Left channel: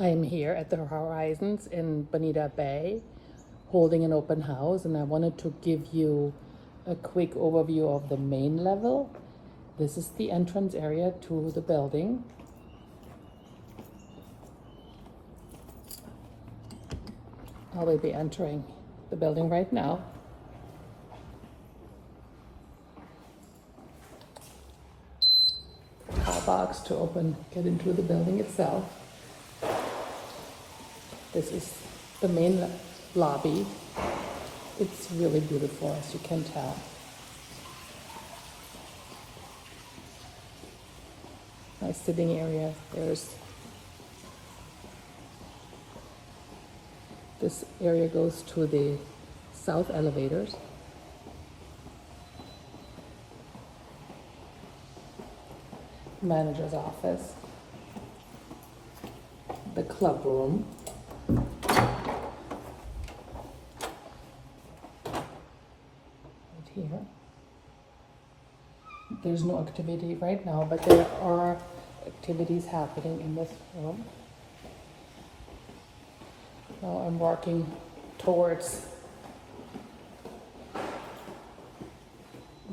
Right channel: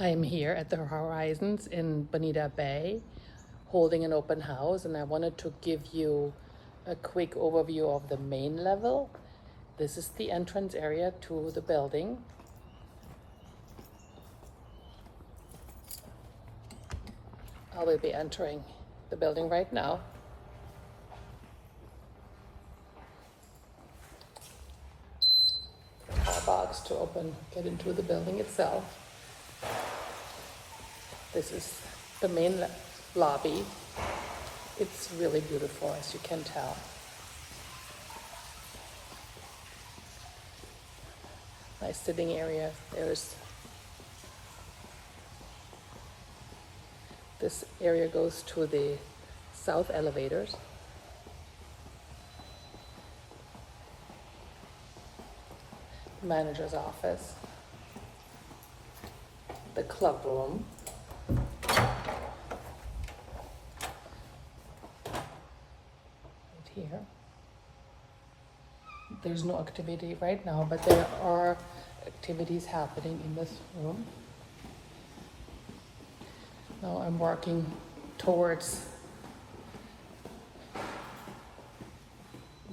I'm here at the Horizons in Bonita Bay holding an open house, and I wanted to give you a quick overview of the main level. This is the entrance area to the building. I will be entering the building right now. Box to get into the building itself. This is the main lobby. It's really beautiful, as you can tell. Nice sitting area. This area goes to the south elevators. Manager's office, the club room, right here. There's no activity right now, but there are activities happening in this room. Now I'm walking towards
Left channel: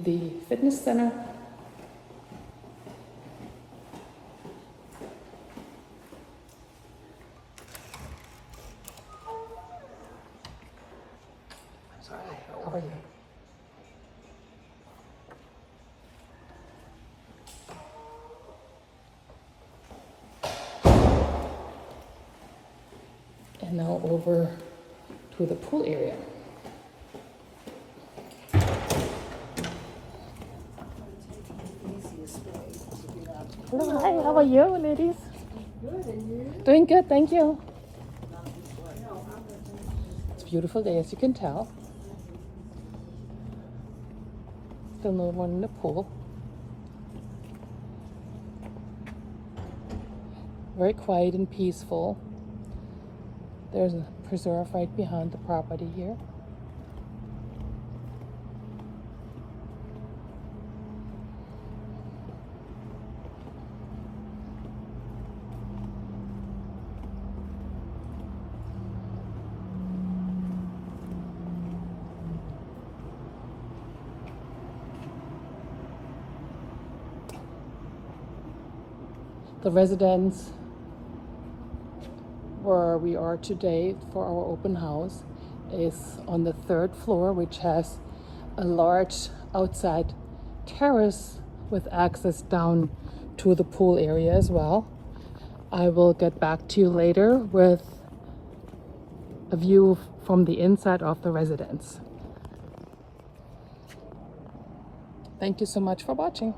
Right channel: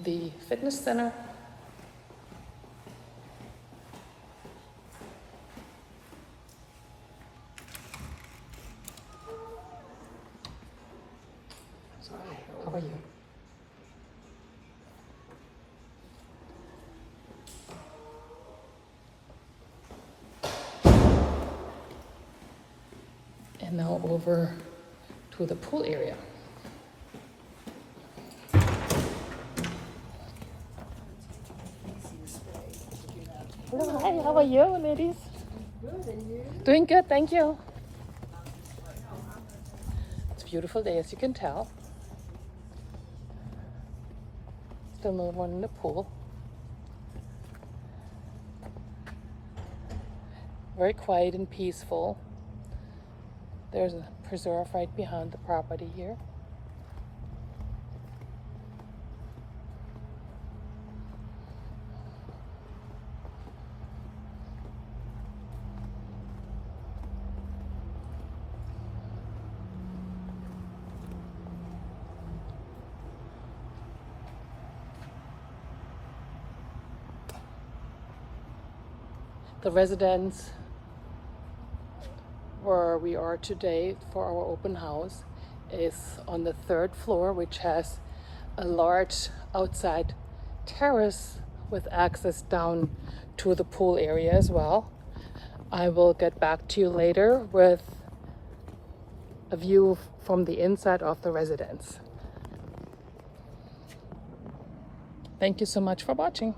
the fitness center. Sorry, over here. And now over to the pool area. Hi, how are you, ladies? Good, and you? Doing good, thank you. It's a beautiful day, as you can tell. Still no one in the pool. Very quiet and peaceful. There's a preserve right behind the property here. The residence where we are today for our open house is on the 3rd floor, which has a large outside terrace with access down to the pool area as well. I will get back to you later with a view from the inside of the residence. Thank you so much for watching.